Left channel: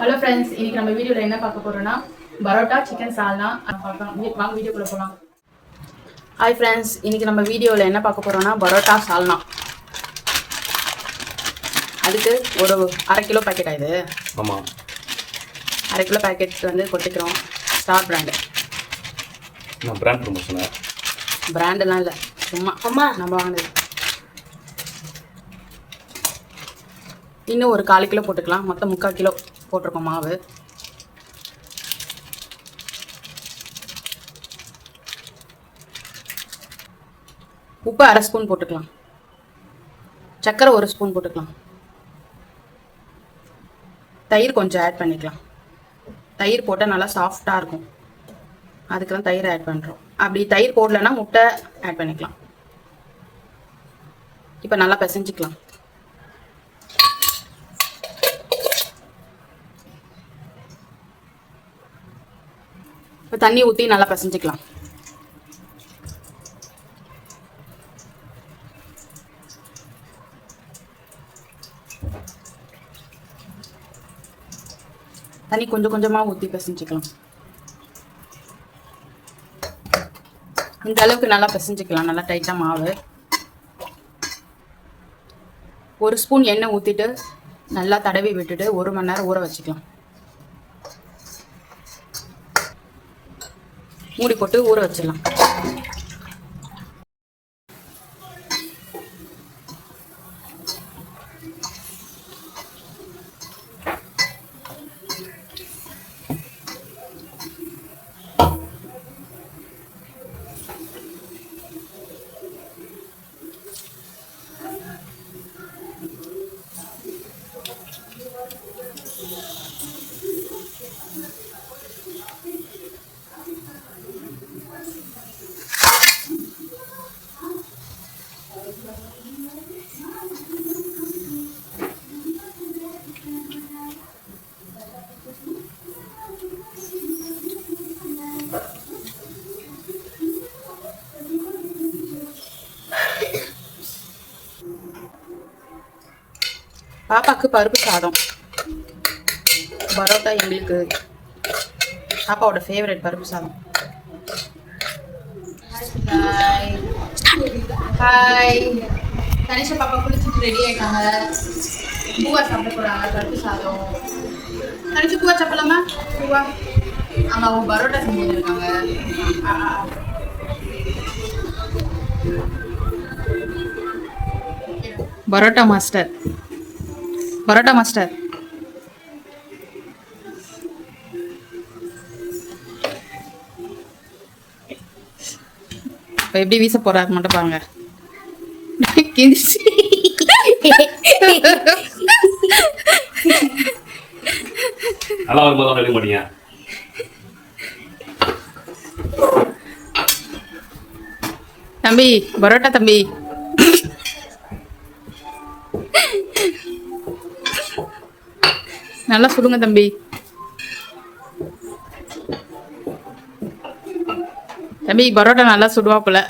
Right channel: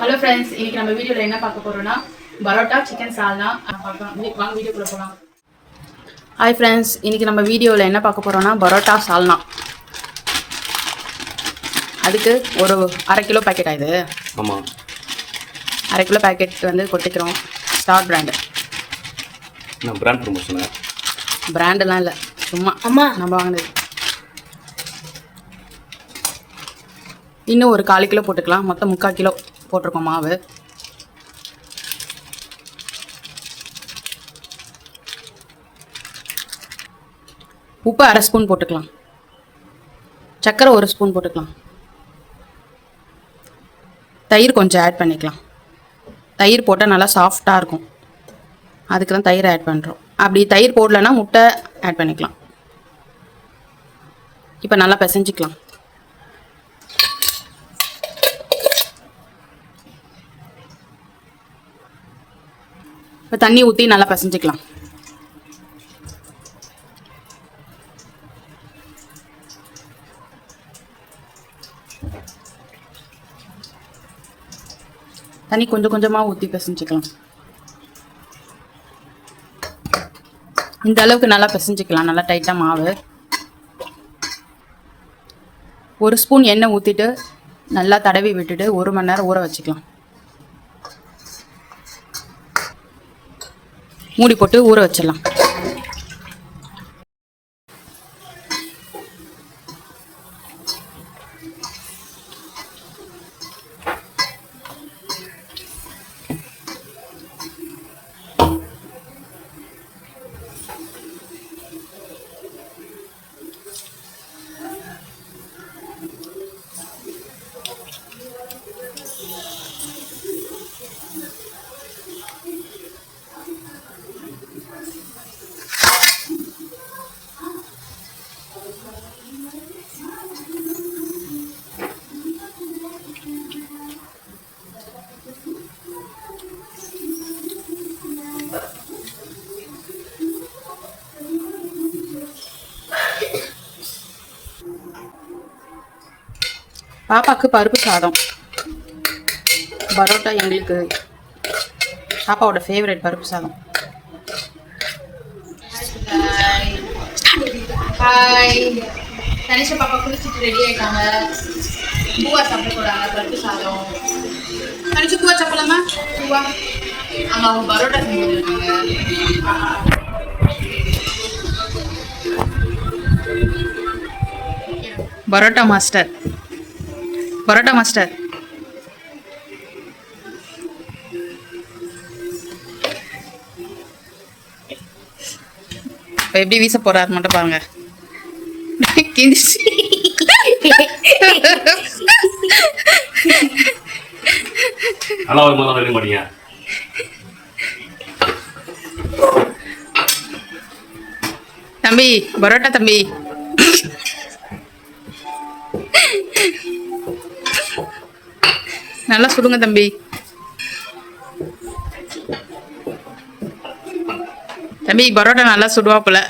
Hello friends, இன்னைக்கு நம்ம வீடியோவில் என்ன பார்க்க போறோம்னா பரோட்டா சிக்கன் சால்னா பார்க்கலாம். வாங்க வீடியோக்குள்ள போகலாம். ஹாய் ஃப்ரெண்ட்ஸ், இன்னைக்கு நம்ம வீடியோவில் என்ன பார்க்க போறோம்னா பரோட்டா சால்னா. அதுக்கு ஒரு 1/2 கிலோ பேக்கெட் ஆகுது. ஆமாம், 1/2 கிலோ பேக்கெட் வந்து கொட்டிக்கிறோம். Star brand. பிராண்ட் ப்ரமோஷனா? பிராண்டெல்லாம் இல்லை, சும்மா நம்ம வாங்கினது. இன்னும் ஒரு 1/4 கிலோ போட்டுக்கலாம். மொத்தம் 3/4 கிலோ போட்டிருக்கோம் மாவு. உப்பு 1/2 ஸ்பூன் போட்டுக்கலாம். சர்க்கரை 1 ஸ்பூன் போட்டுக்கலாம். தயிர் கொஞ்சம் ஆட் பண்ணிக்கலாம். தயிர் போட்டால் நல்லா சாஃப்டாக இருக்கும், அதுக்கு தான் தயிர் ஆட் பண்ணுறோம். அப்படி தயிர் போடலைன்னா முட்டை ஆட் பண்ணிக்கலாம். இப்போ நல்லா பிசைஞ்சிக்கலாம். இப்போ தண்ணி ஊற்றி நல்லா பிசைஞ்சிக்கலாம். தண்ணி கொஞ்சம் கொஞ்சமாக ஊற்றி பிசைஞ்சிக்கலாம். இந்த அளவுக்கு நல்லா பிசைஞ்சிக்கலாம். நல்லா டைட்டாக மாவு. 1 ஸ்பூன் எண்ணெய் ஊற்றிட்டு நல்லா தடவி விட்டுட்டு 1 மணி நேரம் ஊற வச்சுக்கலாம். மூடி போட்டு ஊற வச்சிடலாம். பாப்பாவுக்கு பருப்பு சாதம், பரோட்டா எங்களுக்கு பாப்பாவோட ஃபேவரட் பருப்பு சாதம். ஹாய், கணேஷா பாப்பா குளிச்சுட்டு ரெடி ஆயிட்டாங்க. பூவா சாப்பிட போறாங்க. பருப்பு சாதம். கணிச்சு பூவா சாப்பிடலாமா? பூவா ஆமா, அவங்க பரோட்டா செஞ்சு இருக்காங்க. Parotta master, parotta master. இப்போ எப்படி வீச போறாரு மட்டும் பாருங்க. தம்பி, பரோட்டா தம்பி. நல்லா சுடுங்க தம்பி. தம்பி பரோட்டா நல்லா சுடுவாப்புல.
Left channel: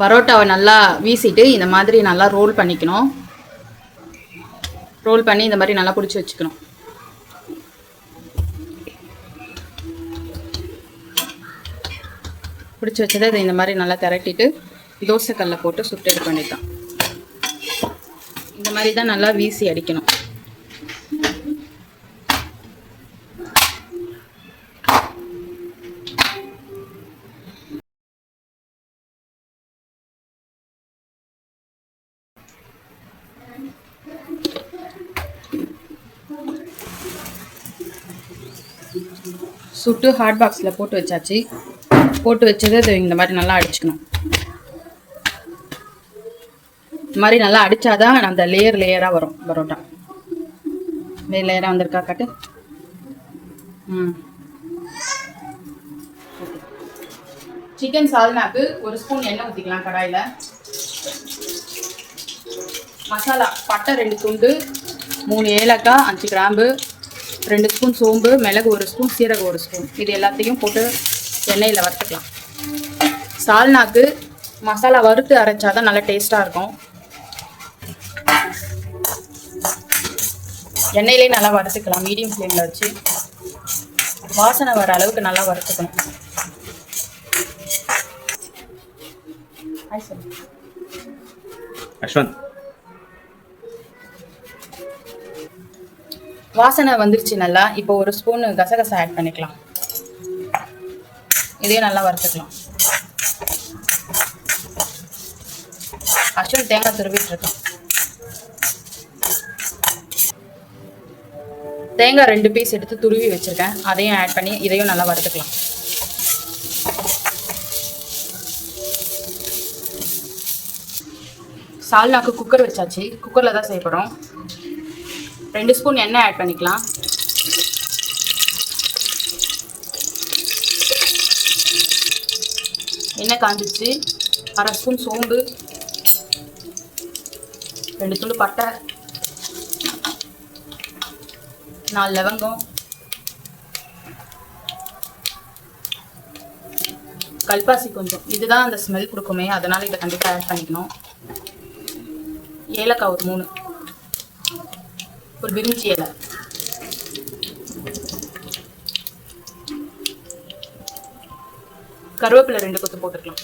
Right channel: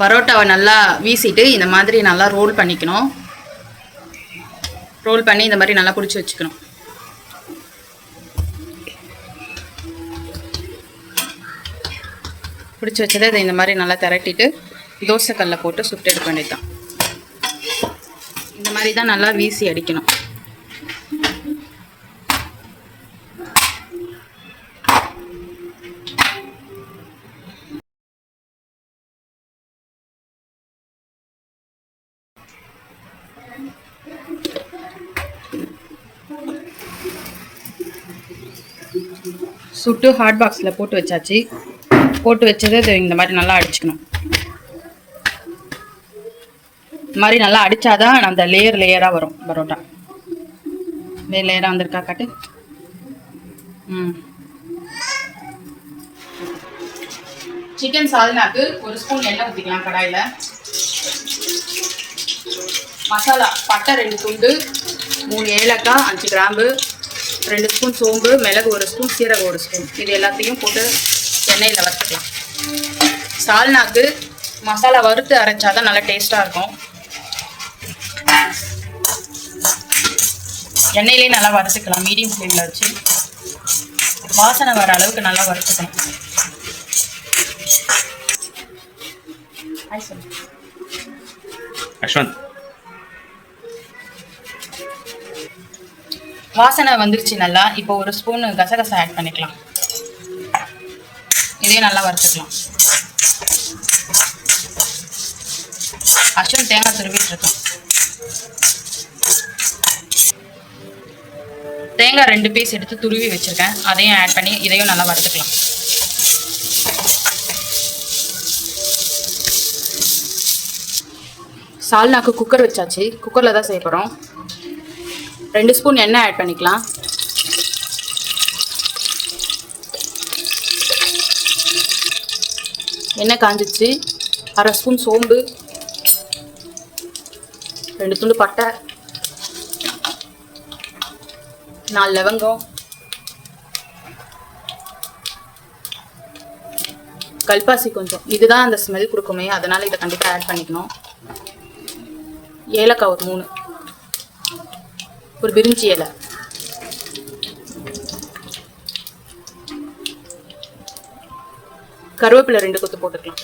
பரோட்டாவை நல்லா வீசிட்டு இந்த மாதிரி நல்லா ரோல் பண்ணிக்கணும். ரோல் பண்ணி இந்த மாதிரி நல்லா பிடிச்சி வச்சுக்கணும். பிடிச்சி வச்சதை இதை இந்த மாதிரி நல்லா திரட்டிட்டு தோசைக்கல்ல போட்டு சுட்டு எடுக்க வேண்டியதுதான். இந்த மாதிரி தான் நல்லா வீசி அடிக்கணும். சுட்டு ஹாட் பாக்ஸில் போட்டு வச்சாச்சு. போட்டு வச்சது இது இந்த மாதிரி நல்லா அடிச்சுக்கணும். இந்த மாதிரி நல்லா அடித்தாதான் அந்த லேயராக வரும் பரோட்டா. லேயராக வந்திருக்கா காட்டு. சிக்கன் சால்னாக்கு 1 ஸ்பூன் எண்ணெய் ஊற்றிக்கலாம் கடாயில். மசாலா பட்டை 2 துண்டு, 3 ஏலக்காய், 5 கிராம்பு, 2 ஸ்பூன் சோம்பு, மிளகு 1 ஸ்பூன், சீரகம் 1 ஸ்பூன். இது எல்லாத்தையும் போட்டு எண்ணெயில் வறுத்துக்கலாம். சால்னாக்கு மசாலா வறுத்து அரைச்சாதான் நல்லா டேஸ்ட்டாக இருக்கும். எண்ணெயிலே நல்லா வறுத்துக்கலாம். மீடியம் ஃப்ளேமில் வச்சு வாசனை வர அளவுக்கு நல்லா வறுத்துக்கணும். அஸ்வந்த் வாசனை வந்துருச்சு நல்லா. இப்போ ஒரு ஸ்பூன் கசகசா ஆட் பண்ணிக்கலாம். இதையும் நல்லா வறுத்துக்கலாம். அஸ்வந்த் தேங்காய் துருவிட்டு இருக்கோம். தேங்காய் 2 பீஸ் எடுத்து துருவி வச்சிருக்கேன். அதையும் ஆட் பண்ணி இதையும் நல்லா வறுத்துக்கலாம். சால்னாக்கு குக்கர் வச்சாச்சு. குக்கரில் தான் செய்ய போகிறோம். 2 ஸ்பூன் எண்ணெய் ஆட் பண்ணிக்கலாம். எண்ணெய் காஞ்சிச்சு. 1/2 ஸ்பூன் சோம்பு, 2 துண்டு பட்டை, 4 லவங்கம், கல்பாசி கொஞ்சம். இதுதான் அந்த ஸ்மெல் கொடுக்குமே, அதனால இதை கண்டிப்பாக ஆட் பண்ணிக்கணும். ஏலக்காய் ஒரு 3, ஒரு பிரிஞ்சி இலை, கருவேப்பிலை 2 கொத்து போட்டுக்கலாம்.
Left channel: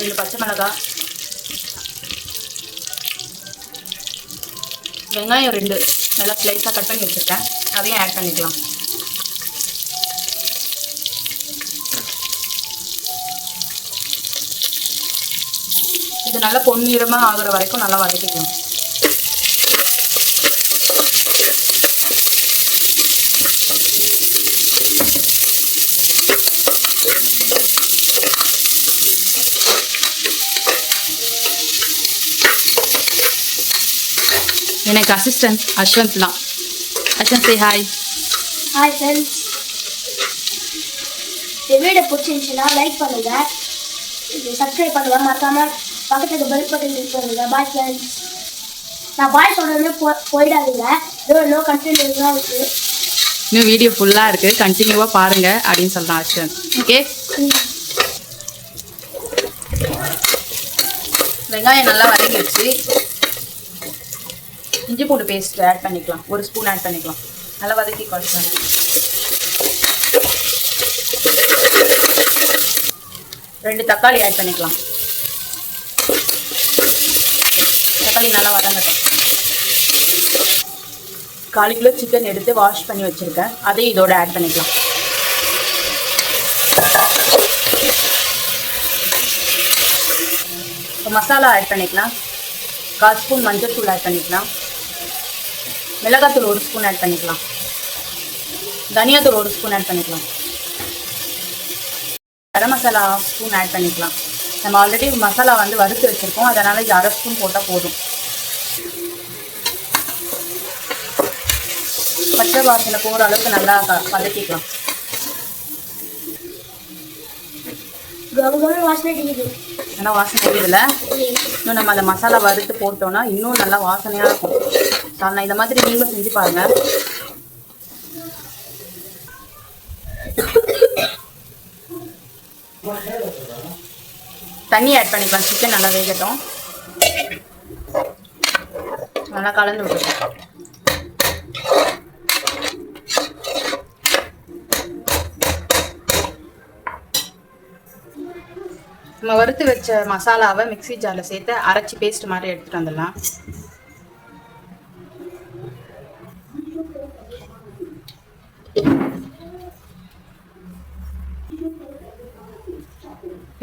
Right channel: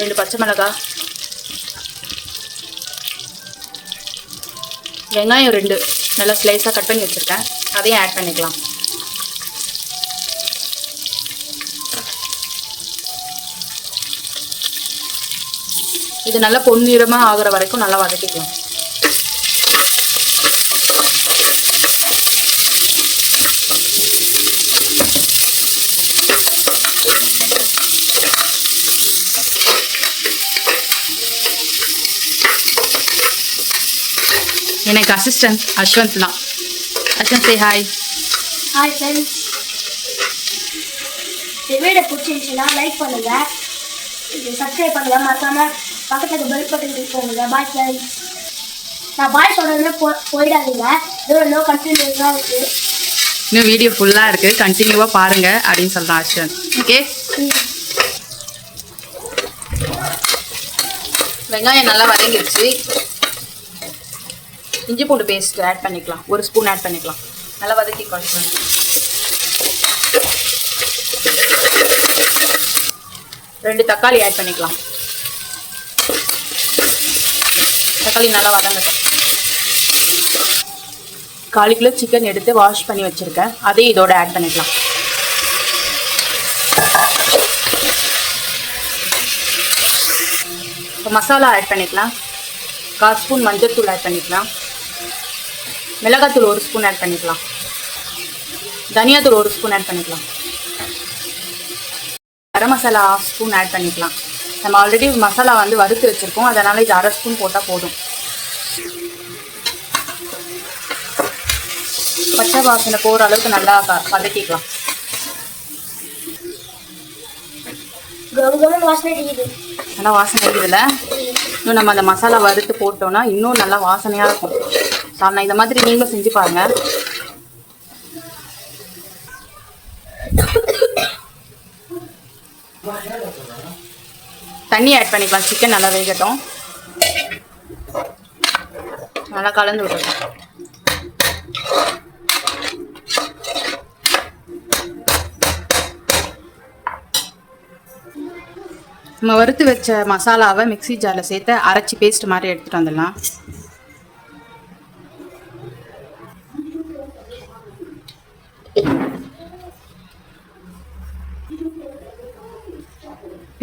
ரெண்டு பச்சை மிளகாய், வெங்காயம் 2 நல்லா ஸ்லைஸாக கட் பண்ணி வச்சுருக்கேன். அதையும் ஆட் பண்ணிக்கலாம். இது நல்லா பொன்னிறமாக ஆகிற வரைக்கும் நல்லா வதக்கிக்கணும். எனக்கு அசிஸ்டன்ட் அஸ்வந்த் தான். Ashwanth say hi. Hi friends. இந்த வீடியோ பிடிச்சிருந்துச்சுன்னா லைக் பண்ணுங்க, சப்ஸ்கிரைப் பண்ணுங்க, மறக்காம பக்கத்துல பெல் பட்டன் கிளிக் பண்ணுங்க. Bye friends. நான் பாய் சொல்றதுமே போயிடாதீங்க. இன்னும் கண்டினியூஸாக இருக்கு. இன்னும் வீடியோ ஃபுல்லாக இருக்குது, கண்டினியூவாக பாருங்க அப்படின்னு சொல்கிறான் அஸ்வந்த். ஓகே. வெங்காயம் நல்லா வதங்கிடுச்சு. இஞ்சி பூண்டு பேஸ்ட் ஆட் பண்ணிக்கலாம். 1 ஸ்பூன் ஆட் பண்ணிக்கலாம். நல்லா வதக்கி குறைச்சோம். 2 தக்காளி ஆட் பண்ணிக்கலாம். தக்காளி நல்லா வதங்கட்டும். 1/4 கிலோ சிக்கன் எடுத்து வாஷ் பண்ணி வச்சுருக்கேன். அதையும் இதோட ஆட் பண்ணிக்கலாம். மசாலா ஆட் பண்ணிக்கலாம். 1/4 ஸ்பூன் மஞ்சள் தூள் ஆட் பண்ணிக்கலாம். மிளகாத்தூள் 1 ஸ்பூன் ஆட் பண்ணிக்கலாம். தனியாத்தூள் 1 ஸ்பூன் ஆட் பண்ணிக்கலாம். கரம் மசாலா 1/2 ஸ்பூன் ஆட் பண்ணிக்கலாம். நம்ம ஆல்ரெடி மசாலா வந்து வறுத்து வச்சுருக்கோம், அதனால் இது 1/2 ஸ்பூன் போட்டால் போதும். பச்சை வாசனை போகிற அளவுக்கு நல்லா வதக்கிக்கலாம். வாசனை அடிக்குது. நல்லா வாசனை அடிக்கல. இன்னும் நம்ம அந்த மசாலா வறுத்து போட்டோம்னா இன்னும் நல்லா வாசனையாக இருக்கும். நான் இந்த மாதிரி நீங்களும் செஞ்சு பாருங்க. தண்ணி ஆட் பண்ணிக்கலாம். சிக்கன் நல்லா வேகட்டும். நல்லா கலந்து விட்டுருக்கோம். நம்ம வறுத்து வச்ச மசாலாவை மிக்ஸி ஜாரில் சேர்த்து அரைச்சி பேஸ்ட் மாதிரி எடுத்துகிட்டு வந்துடலாம்.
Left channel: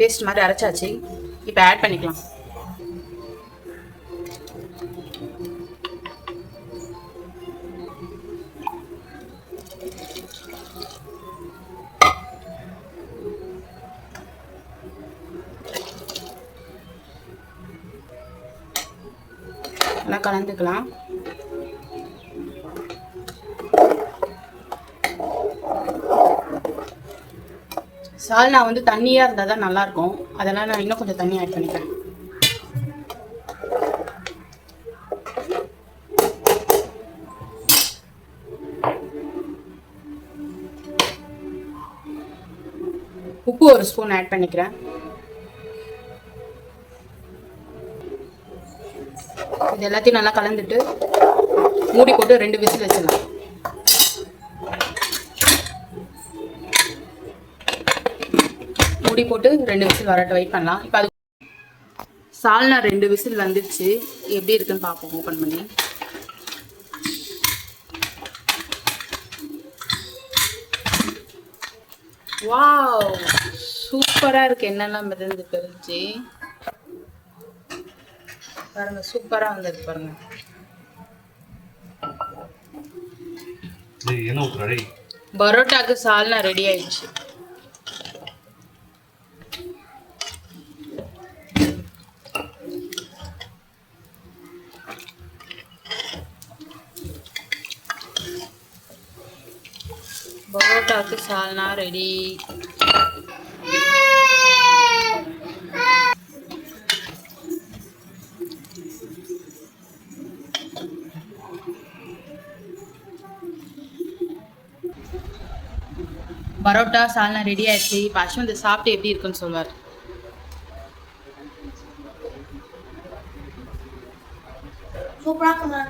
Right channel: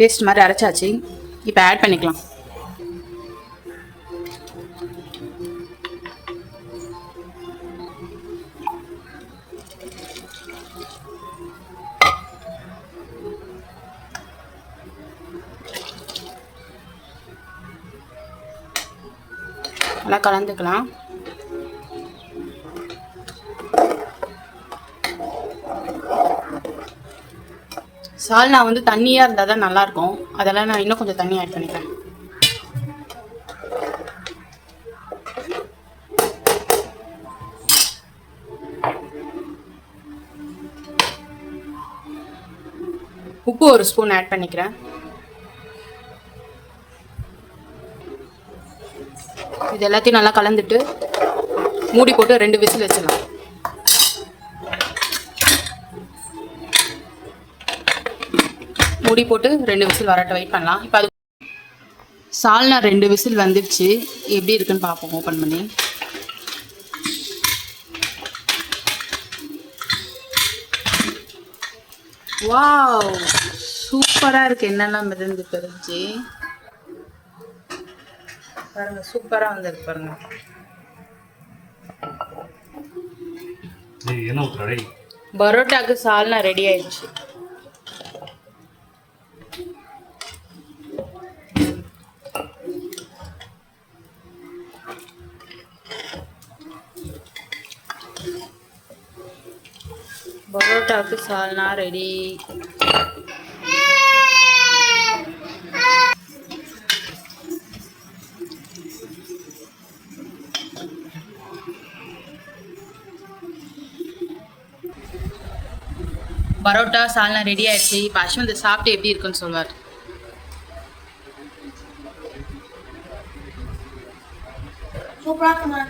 பேஸ்ட் மாதிரி அரைச்சாச்சு. இப்போ ஆட் பண்ணிக்கலாம். நல்லா கலந்துக்கலாம். சால்னா வந்து தண்ணியாக இருந்தால் தான் நல்லாயிருக்கும். அதெல்லாம் நான் இன்னும் கொஞ்சம் தண்ணி ஆட் பண்ணிக்கிறேன். உப்பு 1 ஸ்பூன் ஆட் பண்ணிக்கிறேன். இது எல்லாத்தையும் நல்லா கலந்துட்டு மூடி போட்டு 2 விசில் வச்சிடலாம். மூடி போட்டு 2 விசில் வரட்ட வெயிட் பண்ணலாம். இப்போ அது சால்னா 2 விசில் வந்துடுச்சு. எப்படி இருக்குன்னு பார்ப்போம் ஓப்பன் பண்ணி. வாவ், சூப்பராக இருக்குது. என்னெல்லாம் மிதந்து தெரிஞ்சு பாருங்க, சூப்பராக வந்திருக்கு பாருங்க. பரோட்டாக்கு சால்னா ரெடி ஆயிடுச்சு. பரோட்டாக்கு சால்னா ரெடி. பரோட்டா சால்னா ரெடி ஆயிடுச்சு. இப்போ அஸ்வந்த் சாப்பிட்டு எப்படி இருக்குன்னு சொல்வார். சூப்பராக இருக்குங்க.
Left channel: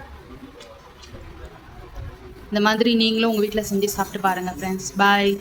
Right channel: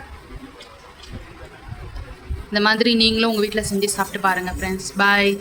இந்த மாதிரி நீங்களும் உங்கள் வீட்டில் செஞ்சு சாப்பிட்டு பாருங்கள் ஃப்ரெண்ட்ஸ். பாய்.